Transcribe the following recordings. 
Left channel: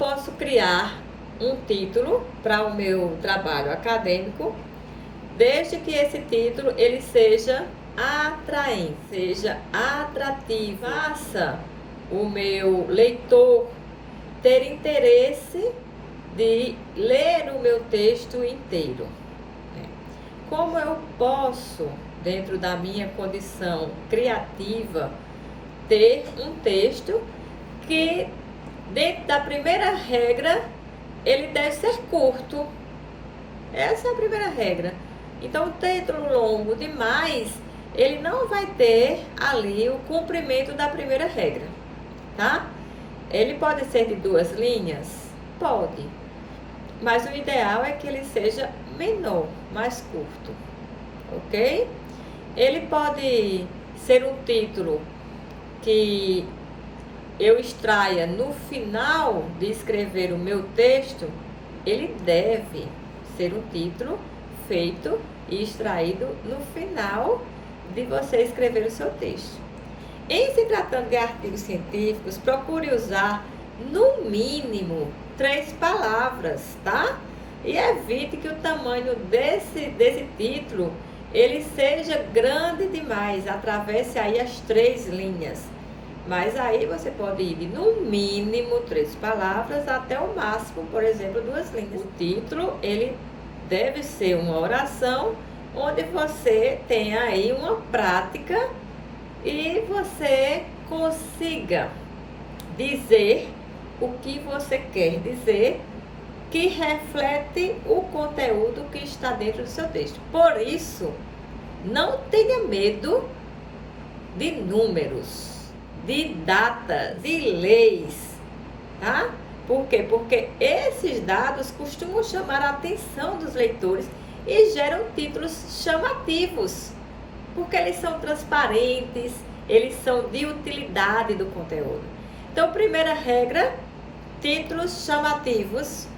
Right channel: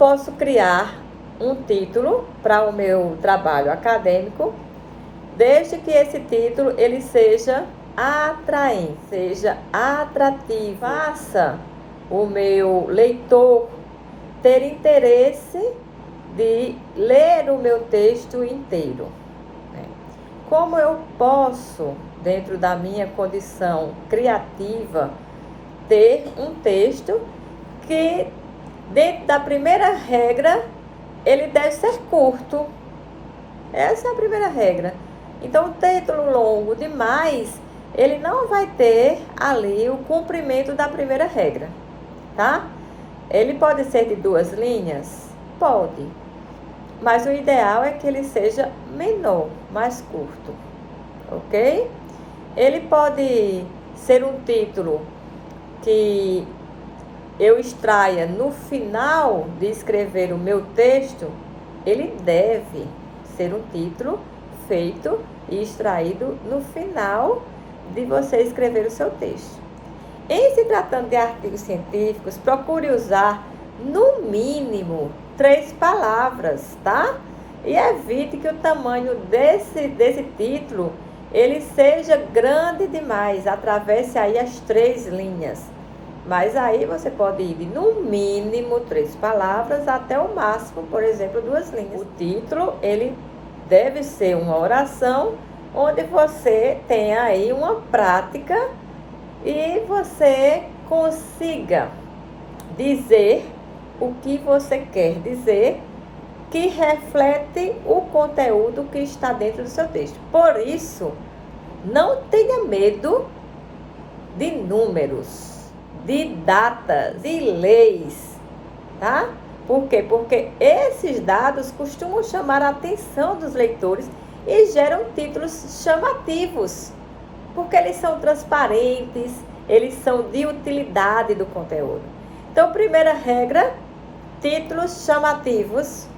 posso criar um título para o meu trabalho acadêmico, desde que esse título ele seja atraente, seja atrativo, faça o meu leitor ter interesse de ler o meu texto inteiro. Como eu posso, dentro da minha condição criativa, ter um texto que, dentro da primeira regra, ele deve ser curto. Essa é a primeira regra. Então, o título longo demais, ele não vai ter ali o cumprimento da primeira regra, tá? Ele pode ser de 2 linhas? Pode. Mas o ideal é que ele seja menor, mais curto, ok? Ele pode ser um título que eu extraia no final de escrever o meu texto. Ele deve ser um título feito e extraído no final de você escrever o seu texto. Em se tratando de artigos científicos, procure usar no mínimo 3 palavras, tá? E evite que o tamanho desse título ele seja grande demais, atravesse aí as 3 linhas. Mas aí você pode ir de no mínimo 3 palavras até o máximo, por exemplo, 2 linhas. O título, ele deve ser uma oração onde você tenha aí uma prática e você consiga dizer o que você quer dizer, que reflete o conteúdo que está dentro do seu texto. Por isso, não tenha medo de números, de datas, de leis, tá? Por quê? Porque esses dados costumam chamar a atenção dos leitores e geram títulos chamativos, porque eles são transparentes, eles são de utilidade do conteúdo. Então, primeira regra, títulos chamativos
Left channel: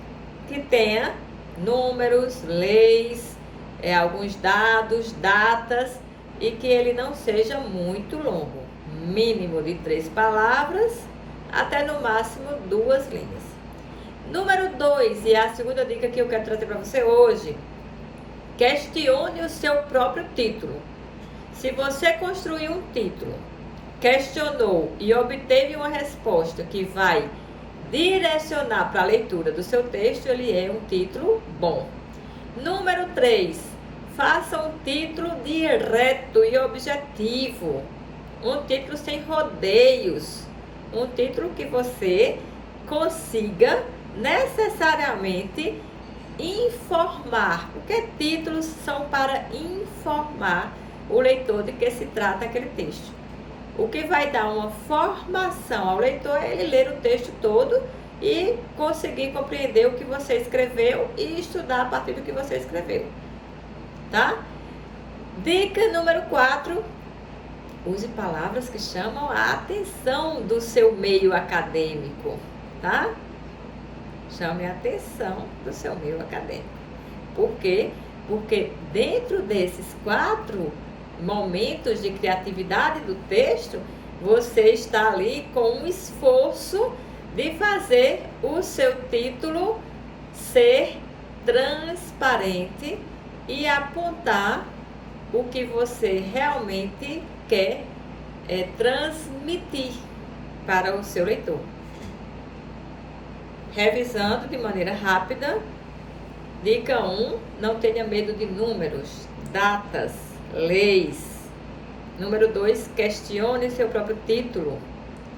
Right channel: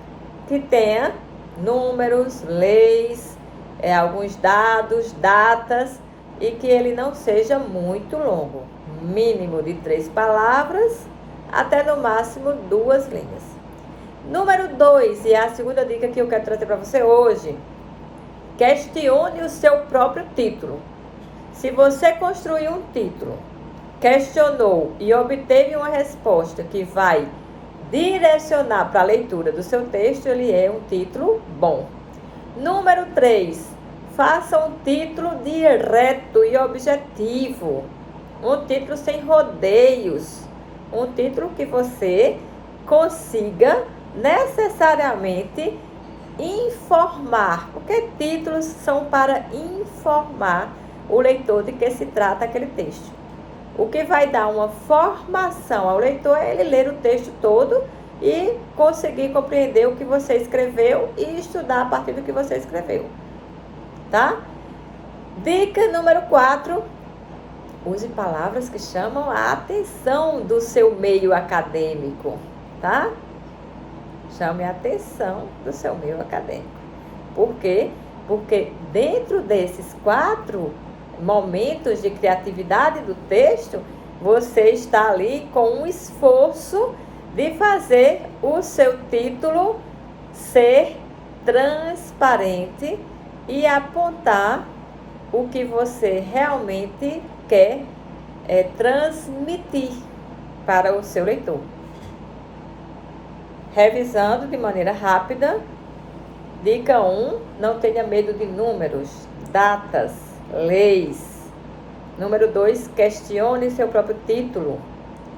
que tenha números, leis, alguns dados, datas e que ele não seja muito longo. Mínimo de 3 palavras até no máximo 2 linhas. Número 2, e é a segunda dica que eu quero trazer para você hoje, questione o seu próprio título. Se você construir um título, questionou e obteve uma resposta que vai direcionar para a leitura do seu texto, ele é um título bom. Número 3, faça um título direto e objetivo. Um título sem rodeios. Um título que você consiga necessariamente informar, porque títulos são para informar o leitor de que se trata aquele texto. O que vai dar uma formação ao leitor é ele ler o texto todo e conseguir compreender o que você escreveu e estudar a partir do que você escreveu, tá? Dica número 4, use palavras que chamam a atenção do seu meio acadêmico, tá? Chame a atenção do seu meio acadêmico. Por quê? Porque dentro desses 4 momentos de criatividade do texto, você está ali com um esforço de fazer o seu título ser transparente e apontar o que você realmente quer transmitir para o seu leitor. Revisando de maneira rápida, dica 1, não tenha medo de números, datas, leis. Número 2, questione seu próprio título.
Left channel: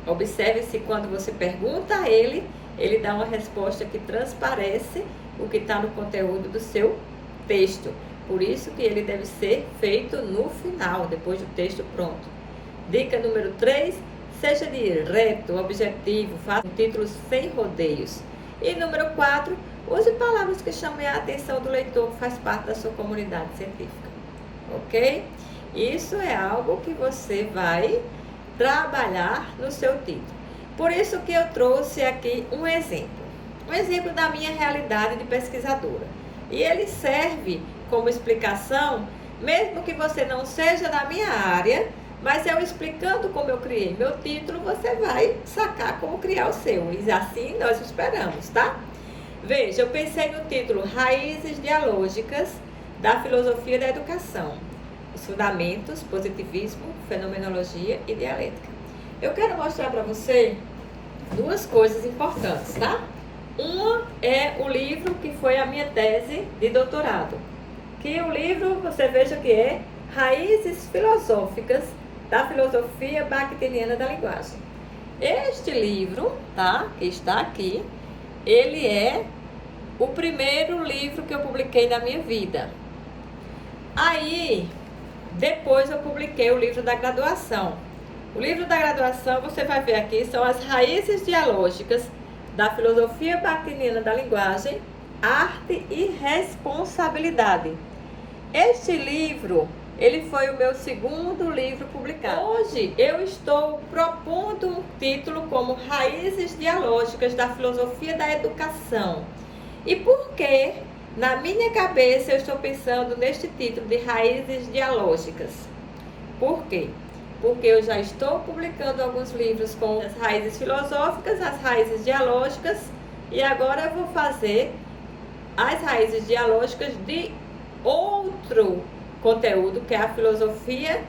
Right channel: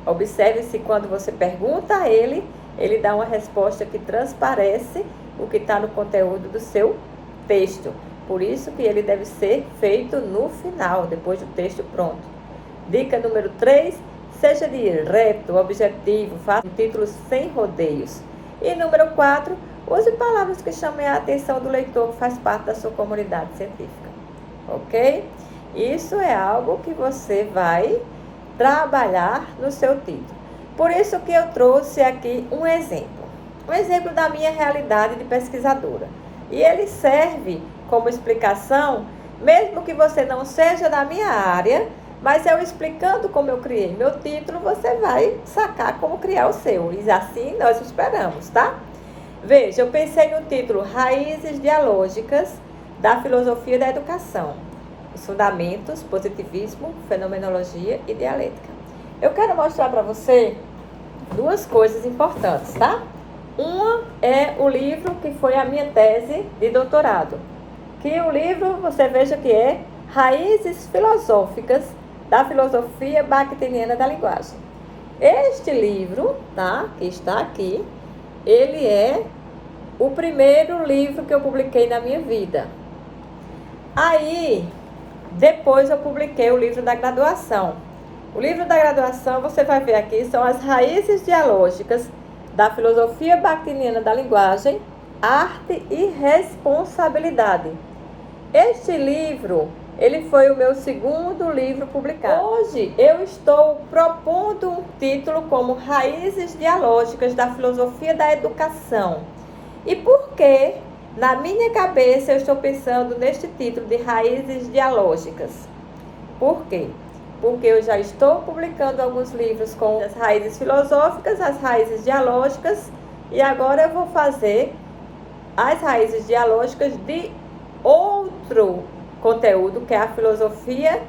Observe se quando você pergunta a ele, ele dá uma resposta que transparece o que está no conteúdo do seu texto. Por isso que ele deve ser feito no final, depois do texto pronto. Dica número 3, seja direto, objetivo, faça um título sem rodeios. E número 4, use palavras que chamem a atenção do leitor que faz parte da sua comunidade científica. Ok? Isso é algo que você vai trabalhar no seu título. Por isso que eu trouxe aqui um exemplo da minha realidade de pesquisadora. E ele serve como explicação, mesmo que você não seja da minha área, Mas eu explicando como eu criei meu título, você vai sacar como criar o seu. E assim nós esperamos, tá? Veja, eu pensei no título Raízes Dialógicas da Filosofia da Educação. Os fundamentos, positivismo, fenomenologia e dialética. Eu quero mostrar para você duas coisas importantes, tá? Uma é o livro que foi a minha tese de doutorado. Que o livro, você veja que é Raízes Filosóficas da Filosofia Bakhtiniana da Linguagem. Este livro, tá? Que está aqui, ele é o primeiro livro que eu publiquei na minha vida. Aí, depois eu publiquei o livro da graduação. O livro da graduação, você vai ver aqui, são as raízes dialógicas da filosofia bakhtiniana da linguagem, arte e responsabilidade. Este livro, ele foi o meu segundo livro publicado. Hoje eu estou propondo um título como Raízes Dialógicas da Filosofia da Educação. E por que, na minha cabeça, eu estou pensando neste título de Raízes Dialógicas? Por quê? Porque eu já estou publicando alguns livros com as raízes filosóficas, as raízes dialógicas, e agora eu vou fazer as raízes dialógicas de outro conteúdo, que é a filosofia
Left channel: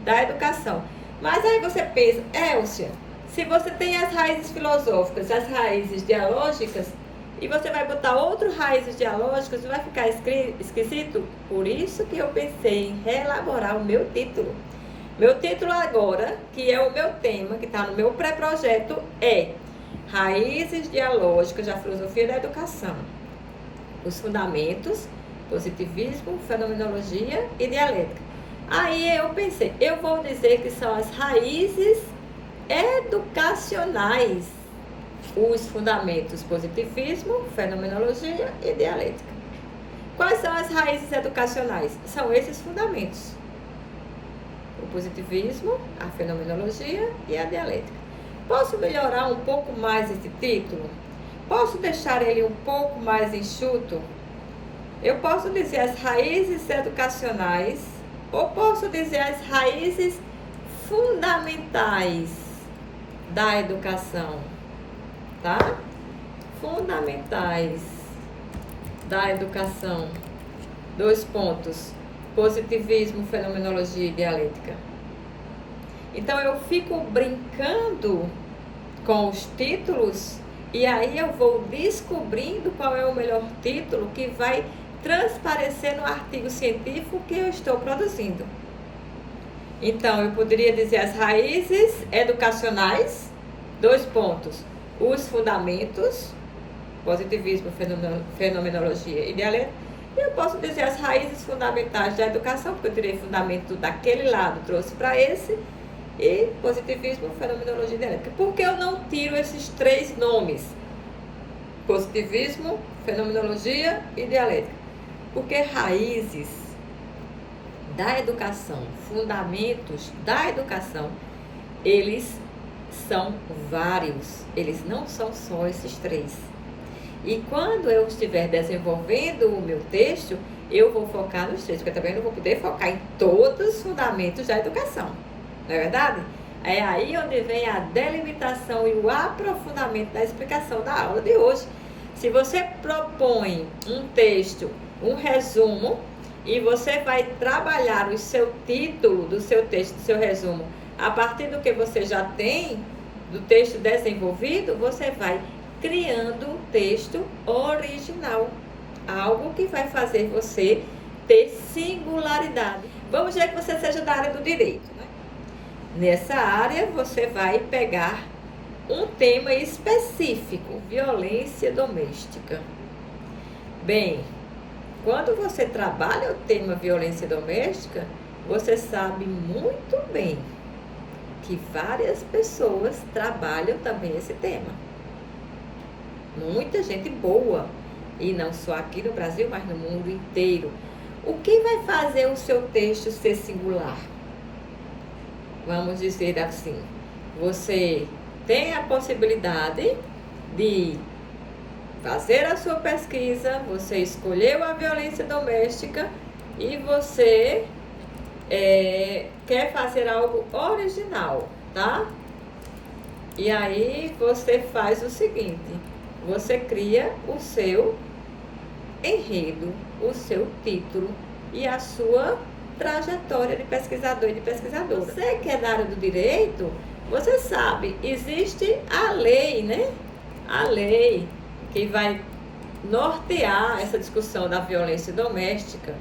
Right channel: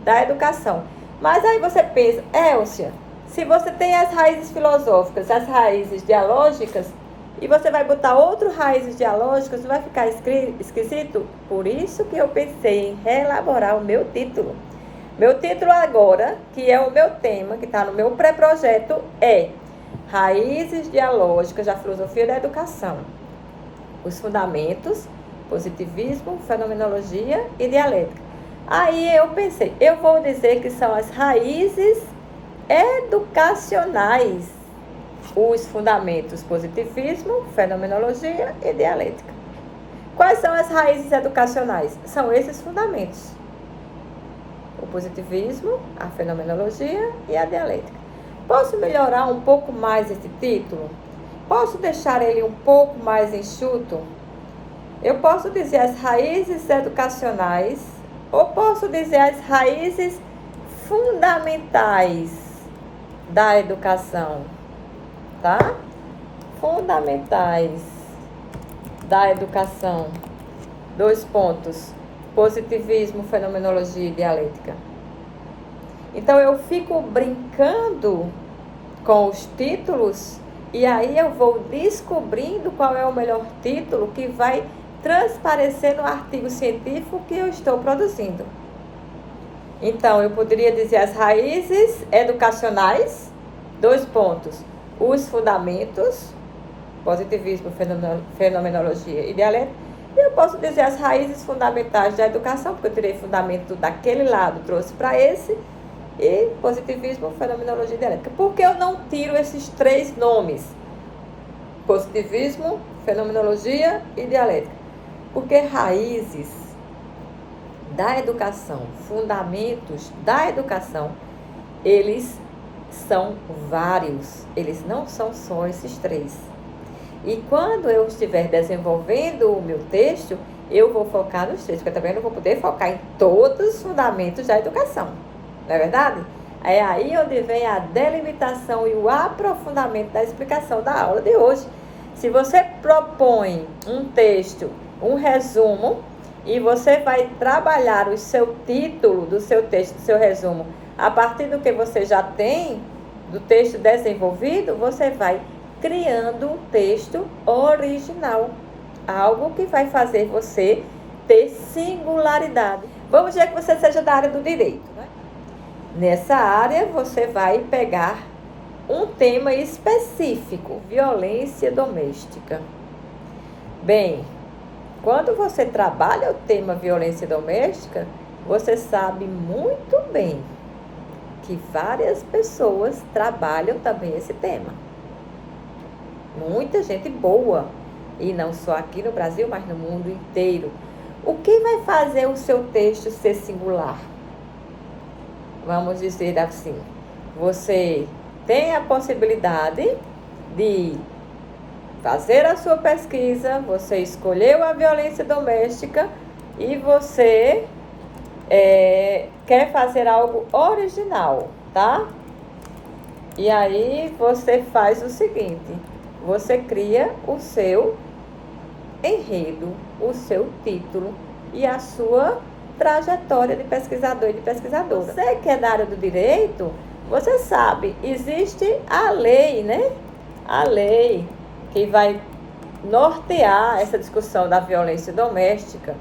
da educação. Mas aí você pensa, Elcia, se você tem as raízes filosóficas, as raízes dialógicas, e você vai botar outras raízes dialógicas, vai ficar esquisito? Por isso que eu pensei em reelaborar o meu título. Meu título agora, que é o meu tema, que está no meu pré-projeto, é Raízes Dialógicas da Filosofia da Educação. Os fundamentos, positivismo, fenomenologia e dialética. Aí eu pensei, eu vou dizer que são as raízes educacionais. Os fundamentos, positivismo, fenomenologia e dialética. Quais são as raízes educacionais? São esses fundamentos. O positivismo, a fenomenologia e a dialética. Posso melhorar um pouco mais esse título? Posso deixar ele um pouco mais enxuto? Eu posso dizer as raízes educacionais ou posso dizer as raízes fundamentais da educação, tá? Fundamentais da educação. 2 pontos. Positivismo, fenomenologia e dialética. Então eu fico brincando com os títulos e aí eu vou descobrindo qual é o melhor título que vai transparecer no artigo científico que eu estou produzindo. Então eu poderia dizer as raízes educacionais, 2 pontos. Os fundamentos, positivismo, fenomenologia e dialética. E eu posso dizer as raízes fundamentais da educação, porque eu tirei fundamento daquele lado, trouxe para esse, e positivismo, fenomenologia e dialética. Por que eu não tiro esses 3 nomes? Positivismo, fenomenologia e dialética. Porque raízes da educação, fundamentos da educação, eles são vários, eles não são só esses 3. E quando eu estiver desenvolvendo o meu texto, eu vou focar nos 3, porque eu também não vou poder focar em todos os fundamentos da educação. Não é verdade? É aí onde vem a delimitação e o aprofundamento da explicação da aula de hoje. Se você propõe um texto, um resumo, e você vai trabalhar o seu título do seu texto, do seu resumo, a partir do que você já tem, do texto desenvolvido, você vai criando um texto original, algo que vai fazer você ter singularidade. Vamos dizer que você seja da área do direito, né? Nessa área você vai pegar um tema específico, violência doméstica. Bem, quando você trabalha o tema violência doméstica, você sabe muito bem que várias pessoas trabalham também esse tema. Muita gente boa, e não só aqui no Brasil, mas no mundo inteiro. O que vai fazer o seu texto ser singular? Vamos dizer assim, você tem a possibilidade de fazer a sua pesquisa, você escolheu a violência doméstica e você quer fazer algo original, tá? E aí você faz o seguinte, você cria o seu enredo, o seu título e a sua trajetória de pesquisador e de pesquisadora. Você que é da área do direito, você sabe, existe a lei, né? A lei que vai nortear essa discussão da violência doméstica,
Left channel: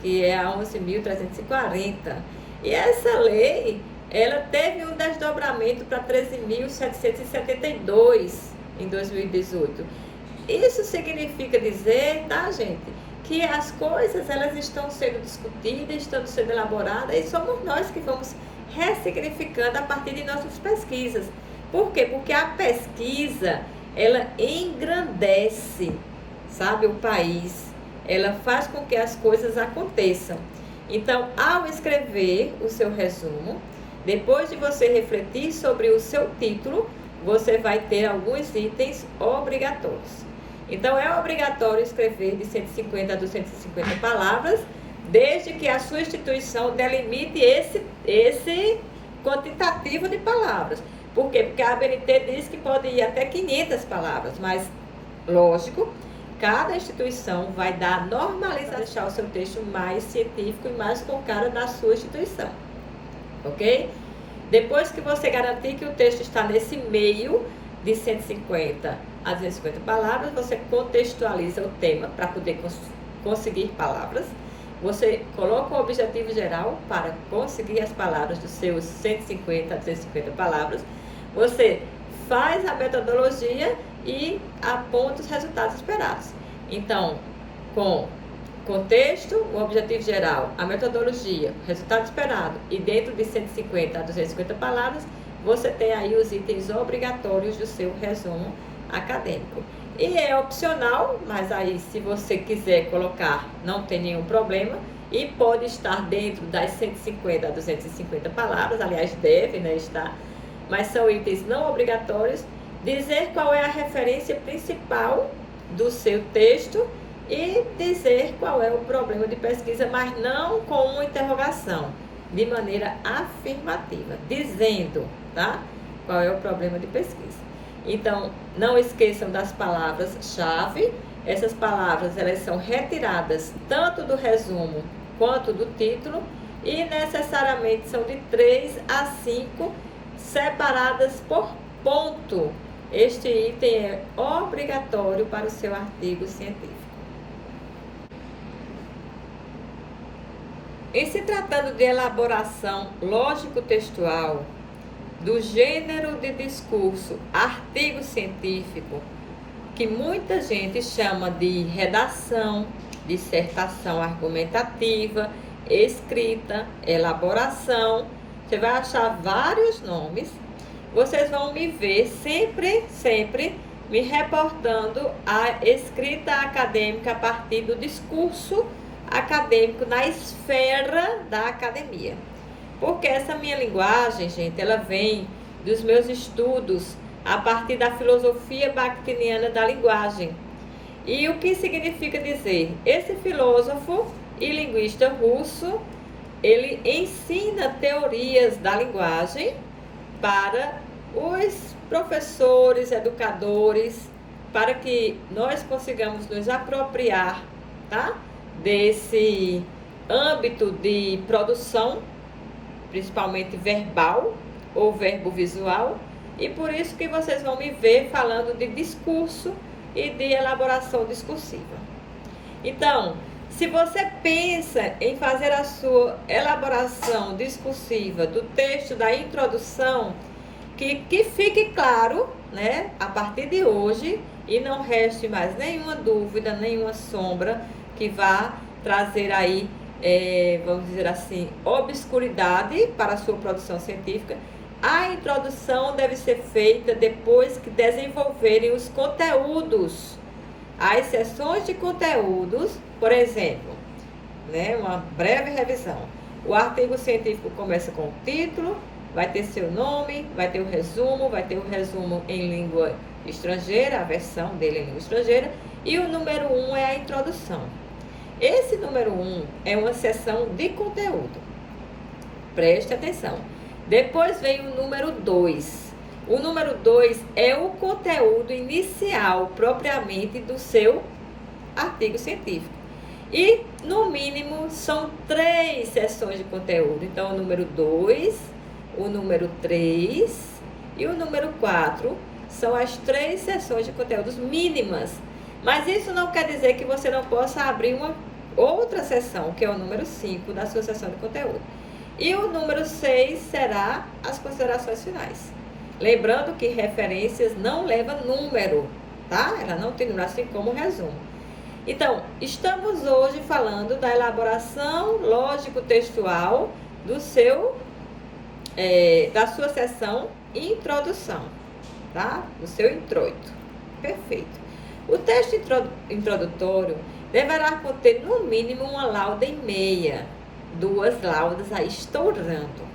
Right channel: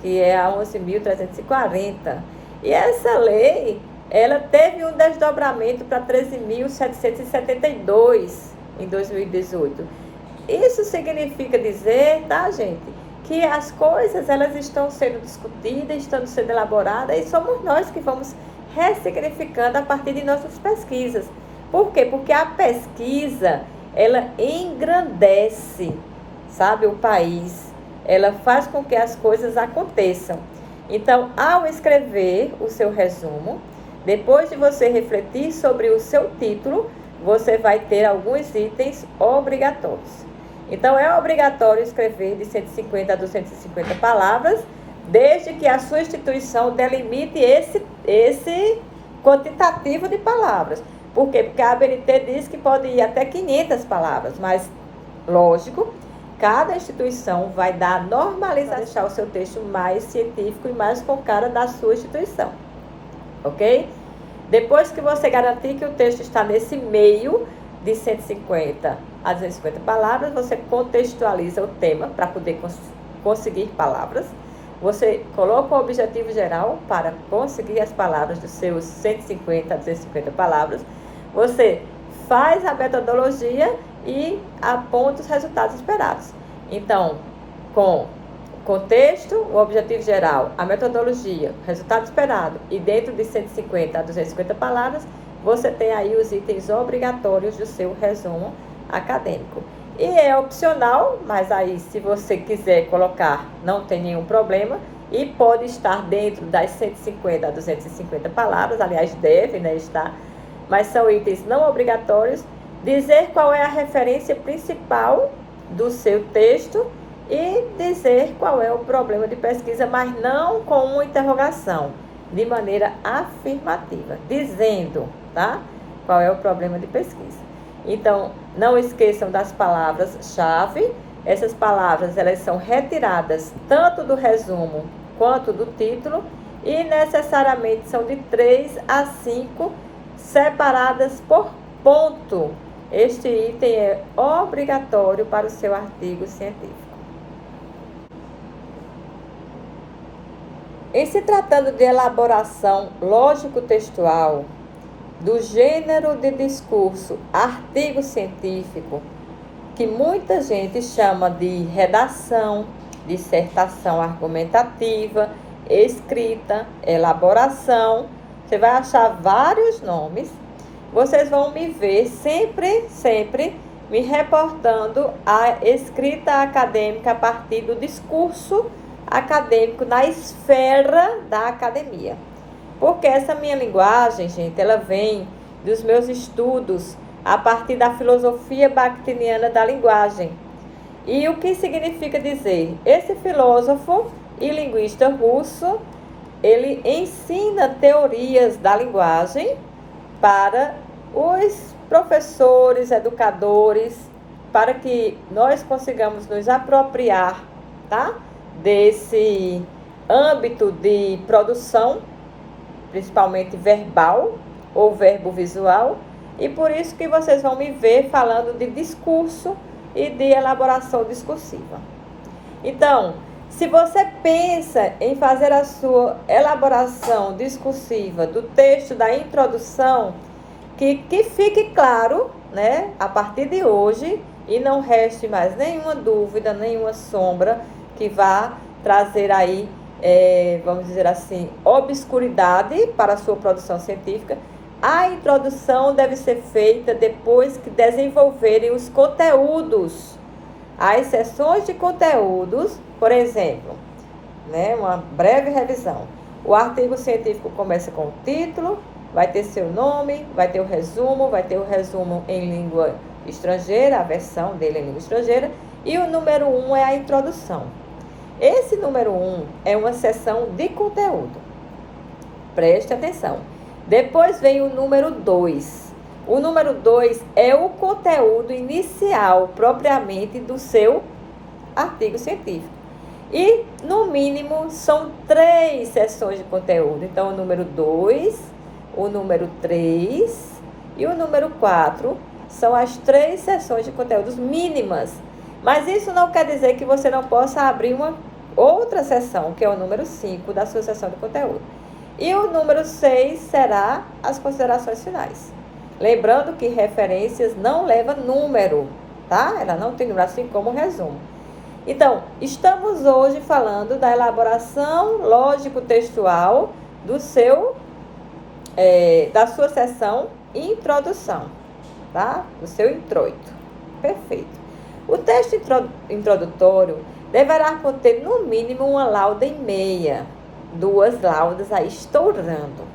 que é a 11.340. E essa lei, ela teve um desdobramento para 13.772 em 2018. Isso significa dizer, tá, gente, que as coisas elas estão sendo discutidas, estão sendo elaboradas e somos nós que vamos ressignificando a partir de nossas pesquisas. Por quê? Porque a pesquisa, ela engrandece, sabe, o país. Ela faz com que as coisas aconteçam. Então, ao escrever o seu resumo, depois de você refletir sobre o seu título, você vai ter alguns itens obrigatórios. Então, é obrigatório escrever de 150 a 250 palavras, desde que a sua instituição delimite esse quantitativo de palavras. Por quê? Porque a ABNT diz que pode ir até 500 palavras, mas, lógico, cada instituição vai dar normalização, deixar o seu texto mais científico e mais com cara da sua instituição, ok? Depois que você garantir que o texto está nesse meio de 150 a 250 palavras, você contextualiza o tema para poder conseguir palavras. Você coloca o objetivo geral para conseguir as palavras dos seus 150 a 250 palavras. Você faz a metodologia e aponta os resultados esperados. Então, com contexto, o objetivo geral, a metodologia, o resultado esperado e dentro de 150 a 250 palavras, você tem aí os itens obrigatórios do seu resumo acadêmico. E é opcional, mas aí se você quiser colocar, não tem nenhum problema e pode estar dentro das 150 a 250 palavras, aliás, deve, né, estar, mas são itens não obrigatórios. Dizer qual é a referência principal do seu texto e dizer qual é o problema de pesquisa, mas não com uma interrogação, de maneira afirmativa, dizendo, tá? Qual é o problema de pesquisa. Então, não esqueçam das palavras-chave. Essas palavras, elas são retiradas tanto do resumo quanto do título e necessariamente são de 3 a 5 separadas por ponto. Este item é obrigatório para o seu artigo científico. Em se tratando de elaboração lógico-textual, do gênero de discurso artigo científico, que muita gente chama de redação, dissertação argumentativa, escrita, elaboração, você vai achar vários nomes. Vocês vão me ver sempre me reportando a escrita acadêmica a partir do discurso acadêmico na esfera da academia. Porque essa minha linguagem, gente, ela vem dos meus estudos a partir da filosofia bakhtiniana da linguagem. E o que significa dizer? Esse filósofo e linguista russo, ele ensina teorias da linguagem para os professores, educadores, para que nós consigamos nos apropriar, tá? Desse âmbito de produção, principalmente verbal ou verbo visual, e por isso que vocês vão me ver falando de discurso e de elaboração discursiva. Então, se você pensa em fazer a sua elaboração discursiva do texto da introdução, que fique claro, né, a partir de hoje, e não reste mais nenhuma dúvida, nenhuma sombra que vá trazer aí, vamos dizer assim, obscuridade para a sua produção científica. A introdução deve ser feita depois que desenvolverem os conteúdos. As seções de conteúdos, por exemplo, né, uma breve revisão. O artigo científico começa com o título, vai ter seu nome, vai ter o resumo em língua estrangeira, a versão dele em língua estrangeira, e o número 1 é a introdução. Esse número 1 é uma seção de conteúdo. Preste atenção. Depois vem o número 2. O número 2 é o conteúdo inicial, propriamente, do seu artigo científico. E, no mínimo, são 3 seções de conteúdo. Então, o número 2, o número 3 e o número 4 são as 3 seções de conteúdos mínimas. Mas isso não quer dizer que você não possa abrir uma outra seção, que é o número 5 da sua seção de conteúdo. E o número 6 será as considerações finais. Lembrando que referências não leva número, tá? Ela não tem número, assim como o resumo. Então, estamos hoje falando da elaboração lógico-textual da sua seção introdução, tá? Do seu introito. Perfeito. O texto introdutório deverá conter, no mínimo, uma lauda e meia. 2 laudas aí estourando.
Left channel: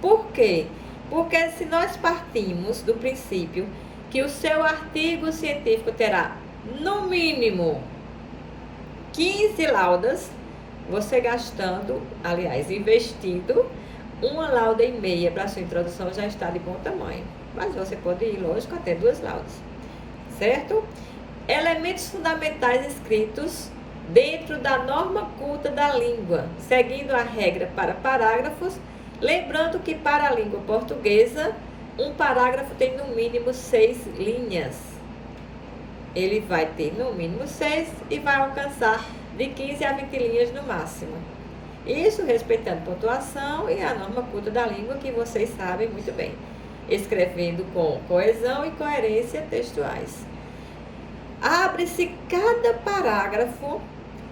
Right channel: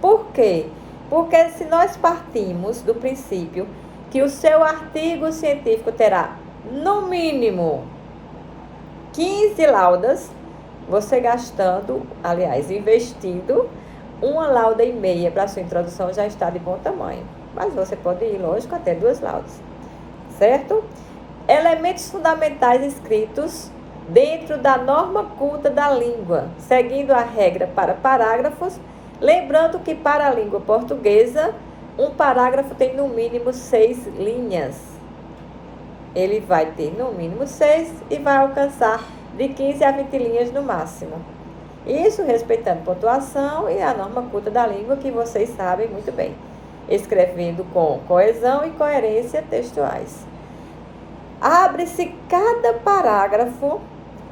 Por quê? Porque se nós partimos do princípio que o seu artigo científico terá, no mínimo, 15 laudas, você investindo uma lauda e meia para a sua introdução já está de bom tamanho. Mas você pode ir, lógico, até 2 laudas. Certo? Elementos fundamentais escritos dentro da norma culta da língua, seguindo a regra para parágrafos, lembrando que para a língua portuguesa, um parágrafo tem no mínimo 6 linhas. Ele vai ter no mínimo 6 e vai alcançar de 15 a 20 linhas no máximo. Isso respeitando pontuação e a norma culta da língua, que vocês sabem muito bem, escrevendo com coesão e coerência textuais. Abre-se cada parágrafo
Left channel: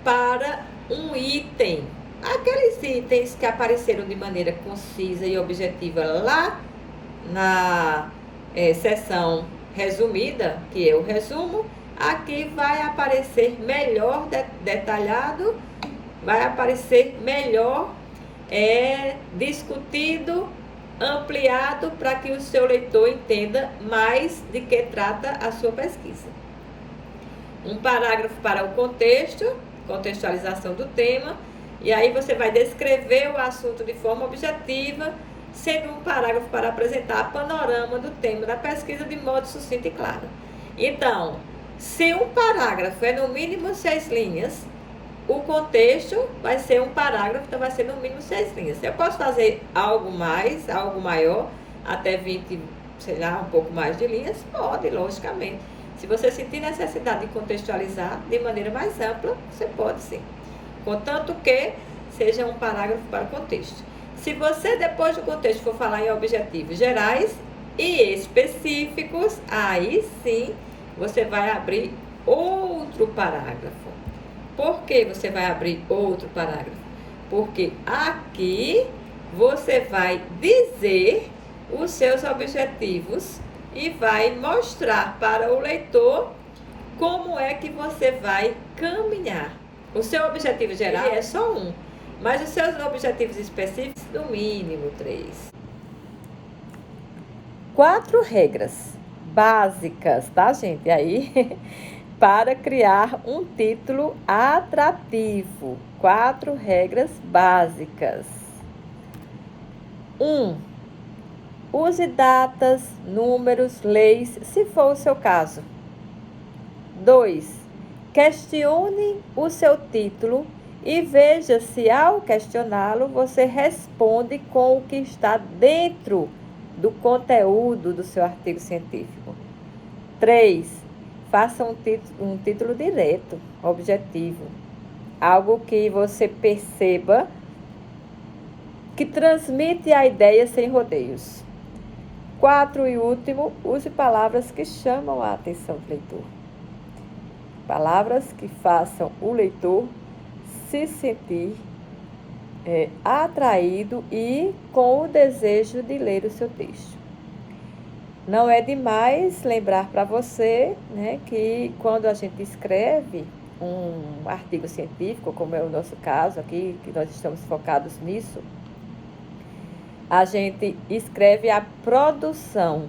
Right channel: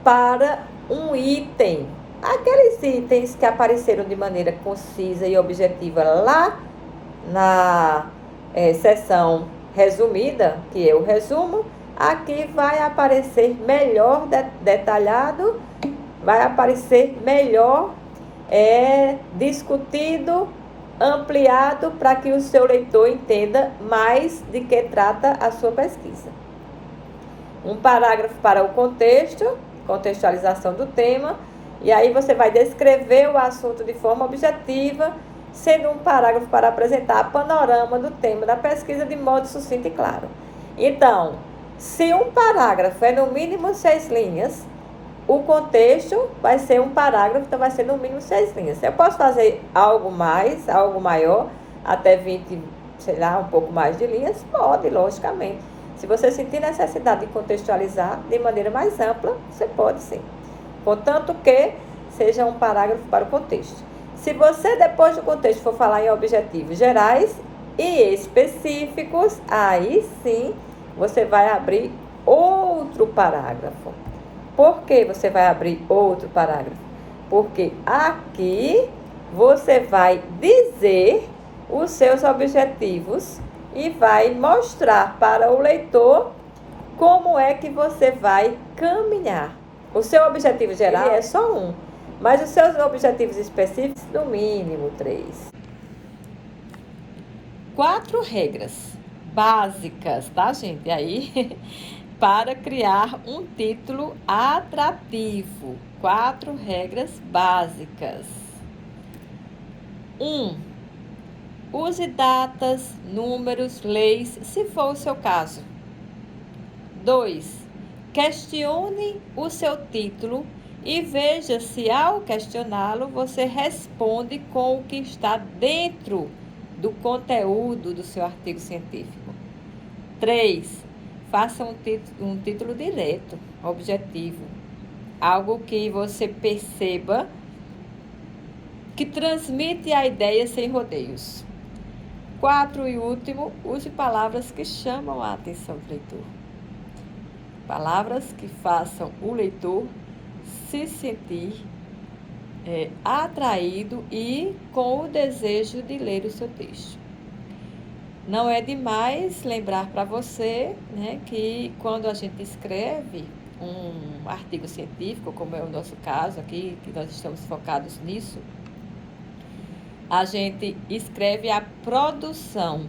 para um item. Aqueles itens que apareceram de maneira concisa e objetiva lá na seção resumida, que é o resumo, aqui vai aparecer melhor detalhado, vai aparecer melhor discutido, ampliado, para que o seu leitor entenda mais de que trata a sua pesquisa. Um parágrafo para o contextualização do tema, e aí você vai descrever o assunto de forma objetiva, sendo um parágrafo para apresentar o panorama do tema da pesquisa de modo sucinto e claro. Então, se um parágrafo é no mínimo 6 linhas, o contexto vai ser um parágrafo, então vai ser no mínimo 6 linhas. Eu posso fazer algo mais, algo maior, até 20, sei lá, um pouco mais de linhas? Pode, logicamente. Se você sentir necessidade de contextualizar de maneira mais ampla, você pode sim. Contanto que seja um parágrafo para o contexto. Se você, depois do contexto, for falar em objetivos gerais e específicos, aí sim você vai abrir outro parágrafo. Por que você vai abrir outro parágrafo? Porque aqui você vai dizer os seus objetivos e vai mostrar para o leitor como é que você vai caminhar. O seu objetivo geral é só um, mas os seus objetivos específicos, no mínimo 3. 4 regras básicas, tá, gente? Aí, para criar um título atrativo. 4 regras básicas. 1. Use datas, números, leis, se for o seu caso. 2. Questione o seu título e veja se, ao questioná-lo, você responde com o que está dentro do conteúdo do seu artigo científico. 3. Faça um título direto, objetivo. Algo que você perceba que transmite a ideia sem rodeios. 4 e último, use palavras que chamam a atenção do leitor. Palavras que façam o leitor se sentir atraído e com o desejo de ler o seu texto. Não é demais lembrar para você, né, que quando a gente escreve um artigo científico, como é o nosso caso aqui, que nós estamos focados nisso, a gente escreve a produção,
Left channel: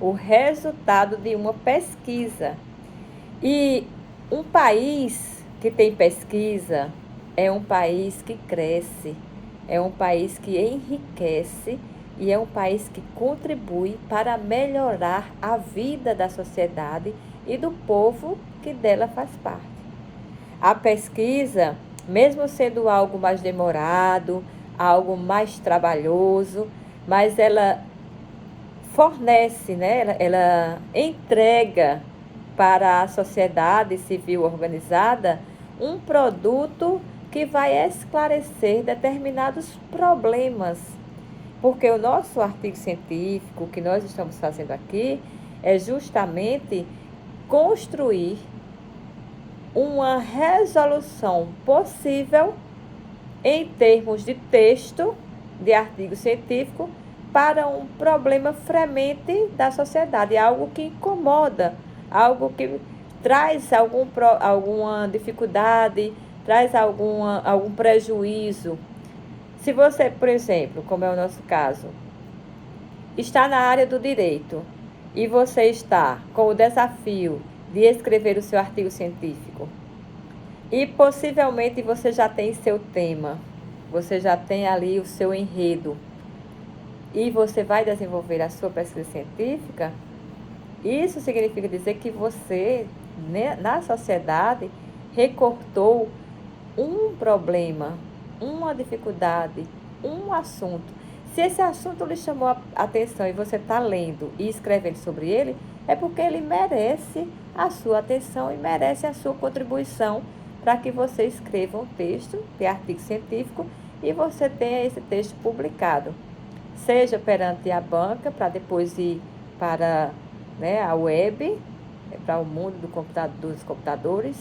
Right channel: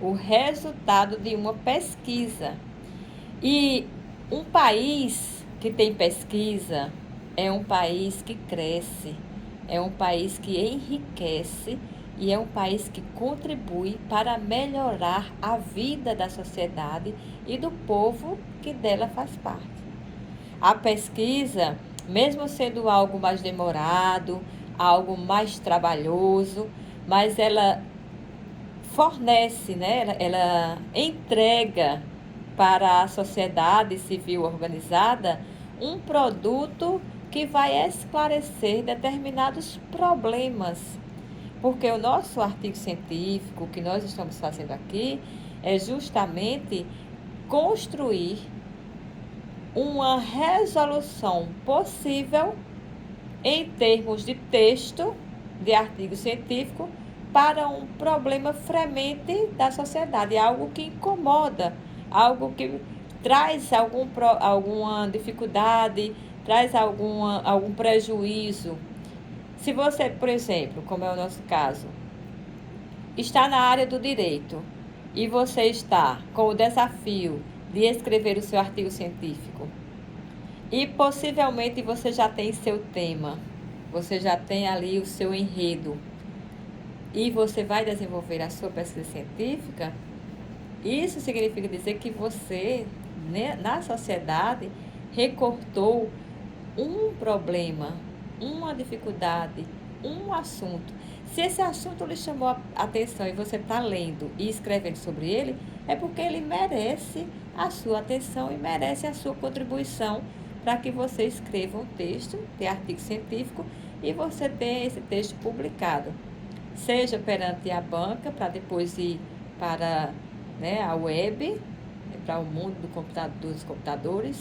o resultado de uma pesquisa. E um país que tem pesquisa é um país que cresce, é um país que enriquece e é um país que contribui para melhorar a vida da sociedade e do povo que dela faz parte. A pesquisa, mesmo sendo algo mais demorado, algo mais trabalhoso, mas ela fornece, né? Ela entrega para a sociedade civil organizada um produto que vai esclarecer determinados problemas. Porque o nosso artigo científico que nós estamos fazendo aqui é justamente construir uma resolução possível em termos de texto de artigo científico para um problema fremente da sociedade, algo que incomoda, algo que traz alguma dificuldade, traz algum prejuízo. Se você, por exemplo, como é o nosso caso, está na área do direito e você está com o desafio de escrever o seu artigo científico e possivelmente você já tem seu tema, você já tem ali o seu enredo e você vai desenvolver a sua pesquisa científica, isso significa dizer que você, né, na sociedade, recortou um problema, uma dificuldade, um assunto. Se esse assunto lhe chamou a atenção e você está lendo e escrevendo sobre ele, é porque ele merece a sua atenção e merece a sua contribuição para que você escreva um texto de artigo científico e você tenha esse texto publicado. Seja perante a banca, para depois ir para, né, a web, para o mundo dos computadores,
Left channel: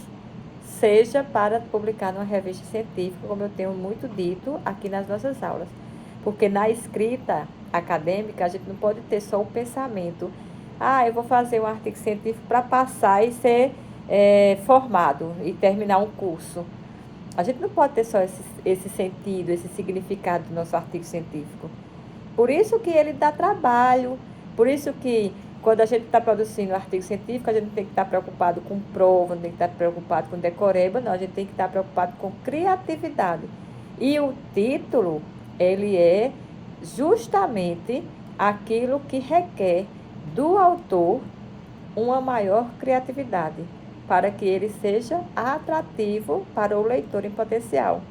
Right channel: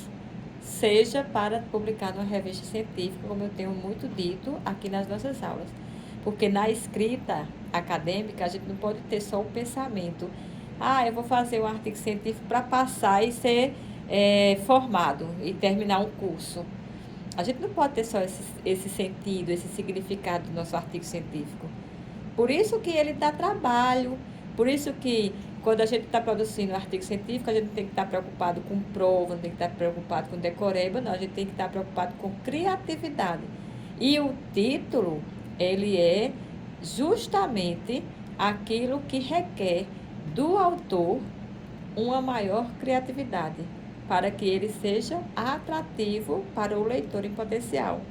seja para publicar numa revista científica, como eu tenho muito dito aqui nas nossas aulas. Porque na escrita acadêmica, a gente não pode ter só o pensamento. Eu vou fazer um artigo científico para passar e ser formado e terminar um curso. A gente não pode ter só esse sentido, esse significado do nosso artigo científico. Por isso que ele dá trabalho, por isso que quando a gente está produzindo um artigo científico, a gente tem que estar preocupado com prova, não tem que estar preocupado com decoreba, não, a gente tem que estar preocupado com criatividade. E o título, ele é justamente aquilo que requer do autor uma maior criatividade, para que ele seja atrativo para o leitor em potencial.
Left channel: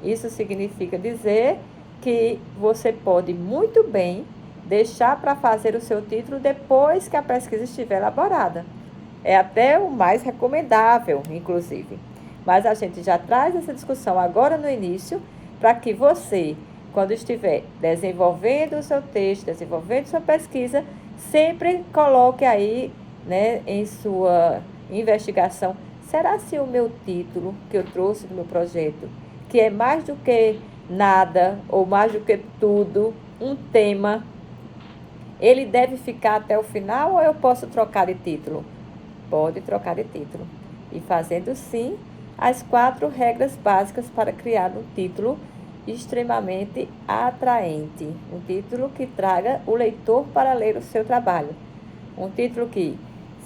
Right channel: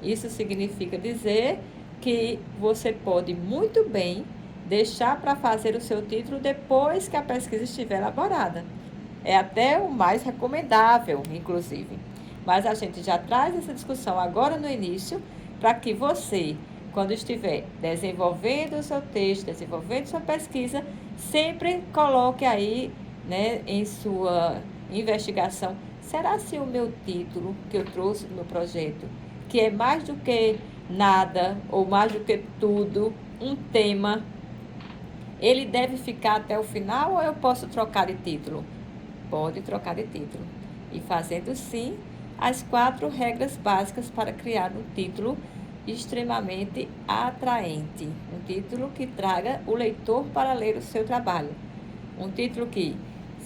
Isso significa dizer que você pode muito bem deixar para fazer o seu título depois que a pesquisa estiver elaborada. É até o mais recomendável, inclusive. Mas a gente já traz essa discussão agora no início, para que você, quando estiver desenvolvendo o seu texto, desenvolvendo sua pesquisa, sempre coloque aí, né, em sua investigação, será se o meu título que eu trouxe do meu projeto, que é mais do que nada ou mais do que tudo, um tema, ele deve ficar até o final ou eu posso trocar de título? Pode trocar de título. E fazendo sim as 4 regras básicas para criar um título extremamente atraente. Um título que traga o leitor para ler o seu trabalho. Um título que,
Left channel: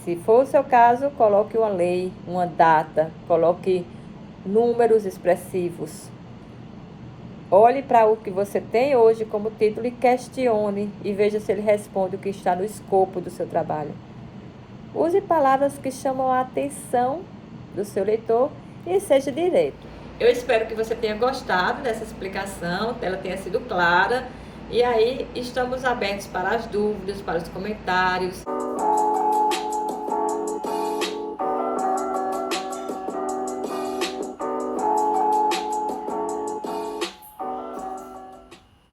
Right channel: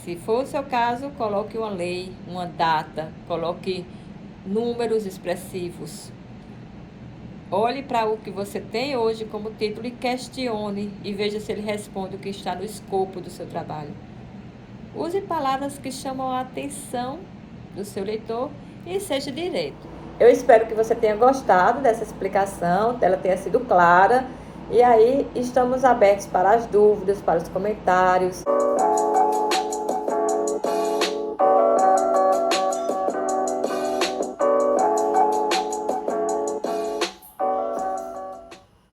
se for o seu caso, coloque uma lei, uma data, coloque números expressivos. Olhe para o que você tem hoje como título e questione e veja se ele responde o que está no escopo do seu trabalho. Use palavras que chamam a atenção do seu leitor e seja direto. Eu espero que você tenha gostado dessa explicação, ela tenha sido clara. E aí, estamos abertos para as dúvidas, para os comentários.